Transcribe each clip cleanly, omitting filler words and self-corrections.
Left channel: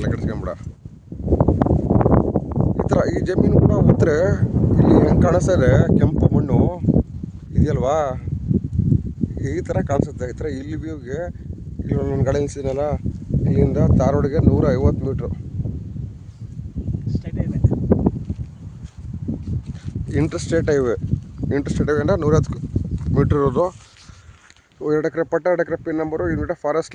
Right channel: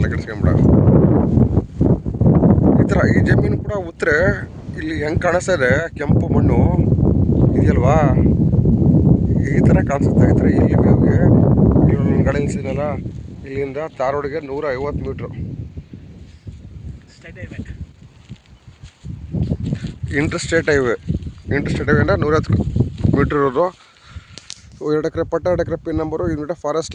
ತಲೆ ಕೆಡಿಸ್ಕೊಂಬಿಡ. ಈ ಥರ ಈ ಜಮೀನು ಕೂಡ ಉತ್ತರೆ ಇಲ್ಲಿ ಹೆಂಗೆ ಕಾಣಿಸ್ತಾ ಇದೆ, ಕೆಂಪು ಮಣ್ಣು ಇದೆಯಲ್ವಾ, ಈ ಥರ ಕಾಣಿಸುತ್ತೆ. ಈ ಥರ ಇಲ್ಲಿ ವ್ಯೂಗೆ ಇಲ್ಲಿ ನನ್ನ ಗಾಡಿ ನಿಲ್ಸಿದ್ನಲ್ಲ, ಇಲ್ಲಿಂದ ಧಾರವಾಡಿಗೆ 150 ಮೀಟ್ರು ಇಂಟರ್ಸ್ಟೇಟ್ ಹೈವೇ ಅಂದರೆ 110 ಮೀಟ್ರ್ ಇರೋದು. 2 ಎಕರೆ ಪಟ್ಟ, 2 ಎಕರೆ ಪಿನ್ ನಂಬರು. ಇದು ಫಾರೆಸ್ಟ್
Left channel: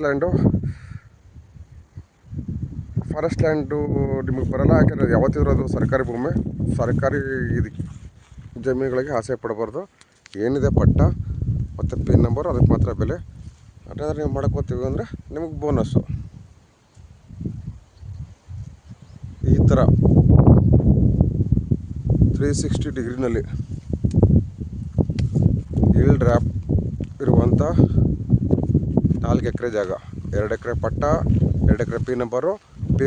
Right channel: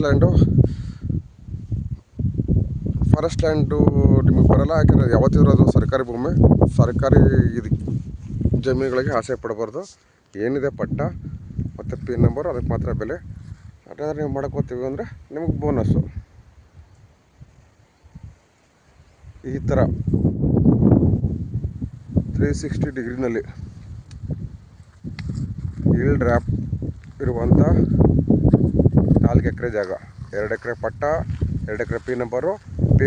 ಲ್ಯಾಂಡು ನಿಮಗೆ ಬರೋಲ್ಲ, ಯಾಕೆಂದರೆ ಯಾವತ್ತಿದ್ರು ಅದು ಸರ್ಕಾರಿ ಭೂಮಿ. ಸರ್ಕಾರಿ ಇದಕ್ಕೆ ಜಮೀನುಗಳಿಗೆ ಆಸೆ ಪಡಬಾರ್ದು. ಏನಿದೆ ಪಟ್ಟ ಮತ್ತು ಪಿನ್ ನಂಬರು ಅದಕ್ಕೆ ಮಾತ್ರ ಬೆಲೆ. ಅದಾದ್ರೆ ನೀವು ಮಾಡ್ಕೋತೀವಿ ಅಂದರೆ ನಿಮಗೆ ಬೋನಸ್ಸು. ಈ ಥರ 360 ಡಿಗ್ರಿನಲ್ಲಿ ಈಲ್ಡ್ ರ್ಯಾಪ್ ಇರುವಂಥ 4 ಎಕರೆ ಜಾಗ. 2 ಎಕರೆ ಪಟ್ಟ, 2 ಎಕರೆ ಪಿನ್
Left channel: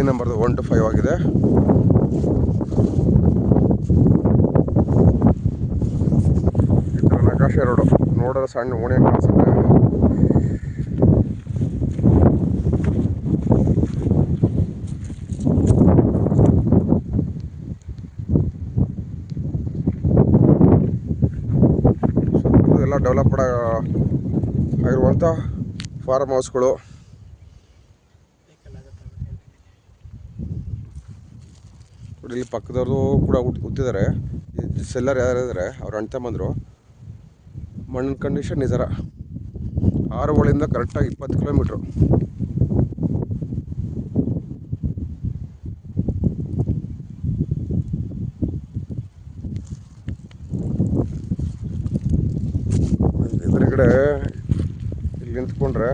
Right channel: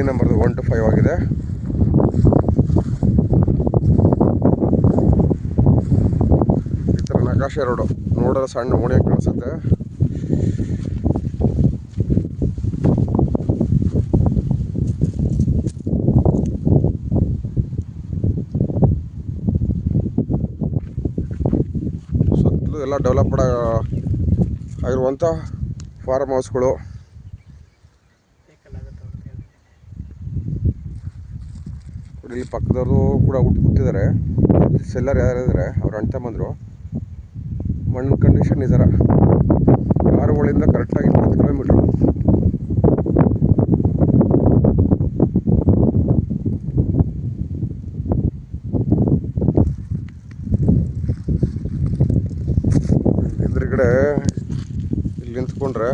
ನಂಬರ್ದು 1 to 5 ಆಗಿದೆ. ಈ ಥರ ನಕಾಶೆ ರೋಡು ನೋಡೋದು ಸಣ್ಣ ಓಣಿ ಕಾಣಿಸುತ್ತೆ. ಸುತ್ತಲೂ ಎಲ್ಲ ಡೆವಲಪ್ಡ್ ಆಗಿರುವಂಥ ಫಾರ್ಮ್ ಹೌಸ್ಗಳು. ಇಲ್ಲಿ ಪಕ್ಕದವರು ಕೂಡ ಕೂತಿದ್ದಾರೆ. ಸೆಲ್ಲರ್ ಯಾರಿದ್ದಾರೆ ಅವ್ರು ಅಣ್ಣ ತಮ್ಮಂದರು. ಮಣ್ಣಿನ ಕಂಡೀಷನ್ ಈ ಥರ. ಆರುಗಳಿಂದ ಕರೆಕ್ಟಾಗಿ 20 ಕಿಲೋಮೀಟ್ರು. ಎದುರುಗಡೆ ಇಲ್ಲಿ ನಿಂತ್ಕೊಂಡ್ರೆ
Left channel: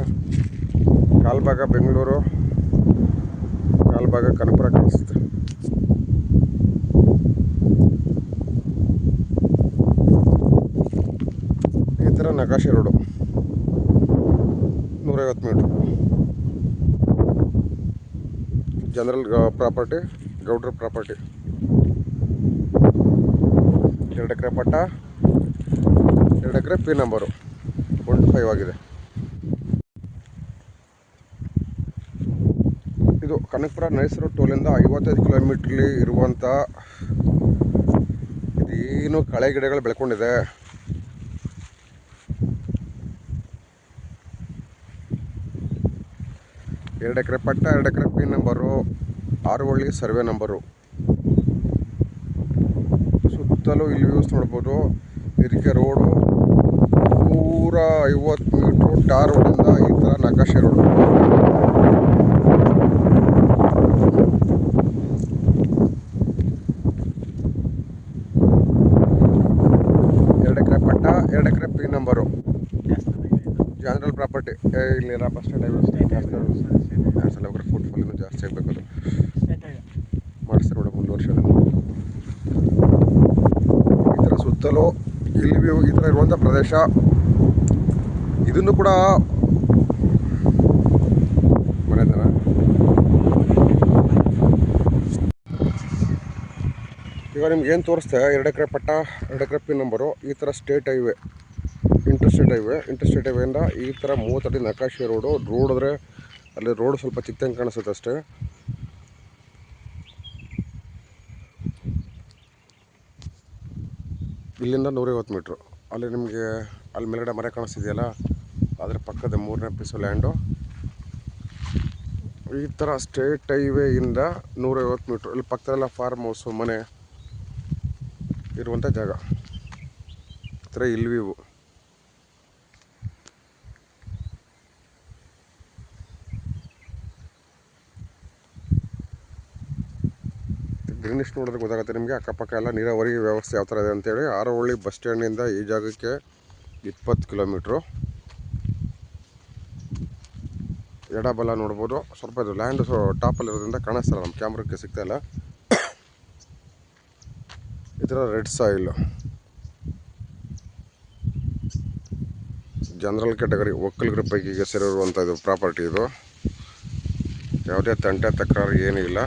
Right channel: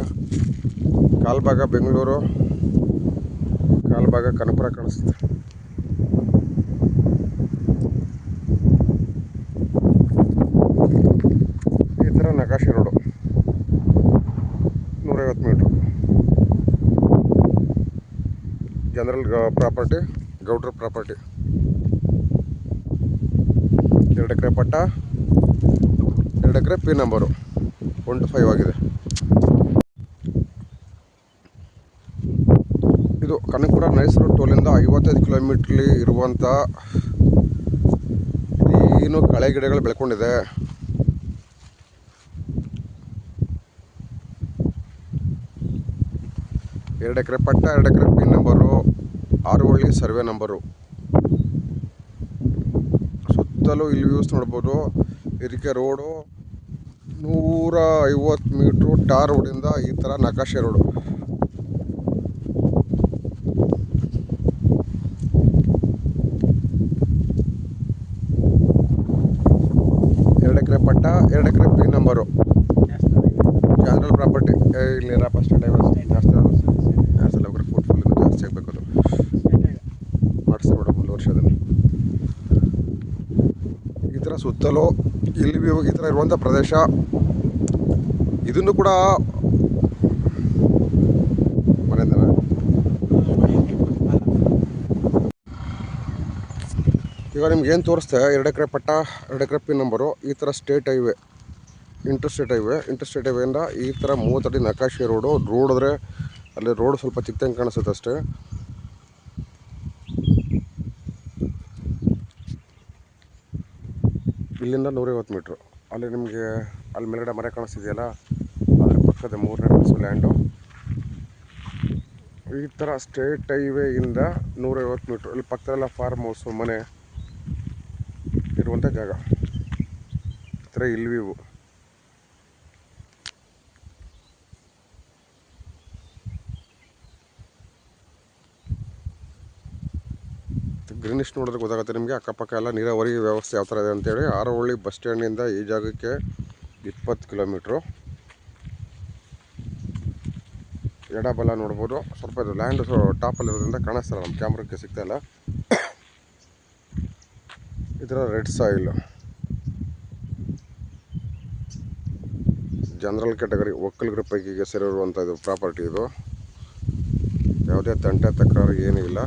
ಕಾಲ್ಭಾಗ ಬೆಂಗಳೂರು, ಕಾಲ್ಭಾಗ ಕನಕಪುರ ಕಾಣಿಸುತ್ತೆ. ಈ ಥರ ನಕಾಶೆ ರೋಡು 150 ಮೀಟ್ರು. ಜನರಲ್ ಪ್ರಾಪರ್ಟಿ, ಗೌಡ್ರ ಪ್ರಾಪರ್ಟಿ. 2 ಎಕರೆ ಪಟ್ಟ, 2 ಎಕರೆ ಪಿನ್ ನಂಬರು 1 to 5 ಆಗಿದೆ. ಇದು ಕನಕಪುರ ನೈಸರು ಟೋಲಿಂದ 55 ಕಿಲೋಮೀಟ್ರಲ್ಲಿ ಇರುವಂಥ ಇದೇನು ಕಳೆ ಗಿಡಗಳು ಬೆಳ್ಕೊಂಡಿದೆ. ಎರಡು ಎಕರೆ ಪಟ್ಟ, 2 ಎಕರೆ ಪಿನ್ ನಂಬರು, 6 ಹಳ್ಳಿ ಸರ್ವೆ ನಂಬರು. ಸುತ್ತಲೂ ಇಲ್ಲಿ ವ್ಯೂಸ್ ನೋಡ್ಬೋದು. ಇದಕ್ಕೆ ರೋಡು 150 ಮೀಟ್ರು ಟಾರ್ ರೋಡಿಂದ ಈ ಥರ ನಕಾಶೆ ರೋಡು. ಎರಡು ಎಕರೆ ಪಟ್ಟ, 2 ಎಕರೆ ಪಿನ್ ನಂಬರು. General property. ಇಲ್ಲಿ ಸ್ಟೇಟ್ ಹೈವೇ ಜಾಸ್ತಿ ಎಲ್ಲ ಫುಲ್ ಇನ್ನೂ ಜಾಸ್ತಿ ಆಗಬೇಕು. ಅದು ಮಾಡಿಸ್ತಾರೆ ಮೇಡಮ್ ಒಂದು ವರ್ಷದಲ್ಲಿ. ಈ ಥರ ಸುತ್ತಲೂ ಇಲ್ಲಿ ವ್ಯೂ ಈ ಥರ ಇರುವಂಥ ಪ್ರದೇಶ. ಇದನ್ನು ಕೂಡ ಮನೆಯಿಂದ ಈಗ ನಿಮ್ಗೆ ಏನು ತೋರಿಸ್ತೆ, 2 ಎಕರೆ ಪಟ್ಟ, 2 ಎಕರೆ ಪಿನ್ ನಂಬರು. ಈ ಥರ ಸ್ಟೇಟ್ ಹೈವೇ, ಇಂಟರ್ಸ್ಟೇಟ್ ಹೈವೇಯಿಂದ ಈ ಥರ 30 ಅಡಿ ನಕಾಶೆ ರೋಡು. ನೋಡಿದ್ರೆ ಅಲ್ಲಿ ರೋಡ್ ಸ್ವಲ್ಪ ಚಿಕ್ಕಂಗೆ ಕಾಣಿಸುತ್ತೆ ಅಷ್ಟೇ. ಇಲ್ಲಿಂದ 150 ಮೀಟ್ರು. ಅಲ್ಲಿ ನಿಮಗೆ ಅಲ್ಲಿ ಮೇಲ್ಗಡೆ ಮರೆ ಕಾಣಿಸ್ತಿದೆಯಲ್ಲ, ಅದ್ರ ಪಕ್ಕದ 3ನೇ ಪೀಸು ಲ್ಯಾಂಡು. ಈ ಥರ ಸ್ಟೇಟ್ ಹೈವೇಯಿಂದ 150 ಮೀಟ್ರು. ಇಲ್ಲಿ ಪಕ್ಕದಲ್ಲ ಫಾರ್ಮ್ ಹೌಸು, ಮನೆ ಇರುವಂಥ ಜಾಗ. ಈ ಥರ ಇಲ್ಲಿ ವ್ಯೂ. ಗ್ರೀನಿಶ್ ನೋಡಿದ್ರೆ ಗೊತ್ತಾಗುತ್ತೆ ನಿಮಗೆ. ಅಕ್ಕಪಕ್ಕ ಎಲ್ಲ ನೀರಾವರಿ ವ್ಯವಸ್ಥೆ ಯಾವ ಥರ ಇದೆ ಅಂತೇಳಿ. ಆರವಳ್ಳಿ ಬಸ್ ಸ್ಟ್ಯಾಂಡಿಂದ ಈ ಜಾಗಕ್ಕೆ 20 ಕಿಲೋಮೀಟ್ರು. ಎಡಬಲ ನೋಡ್ಬೋದು. ಸ್ವಲ್ಪ ಇದು ಲ್ಯಾಂಡ್ ಟಾಪಲ್ಲಿರೋದ್ರಿಂದ ಕಾಣಿಸ್ತಾರ, ನಮ್ಮ ಕ್ಯಾಮ್ರಕ್ಕೆ ಸಿಗ್ತಾಯಿಲ್ಲ. ಈ ಥರ ರೆಡ್ ಸಾಯಿಲ್, ಜನರಲ್ ಕ್ಯಾಟಗರಿ ಒಕ್ಕಲಿಗರ ಪೈಕಿಗೆ ಸೇರಿರುವಂಥ ಇದು ಪ್ರಾಪರ್ಟಿ. ಇದು ಯಾವುದೇ ತಂಟೆ ತಕರಾರು ಏನೂ ಇಲ್ಲ.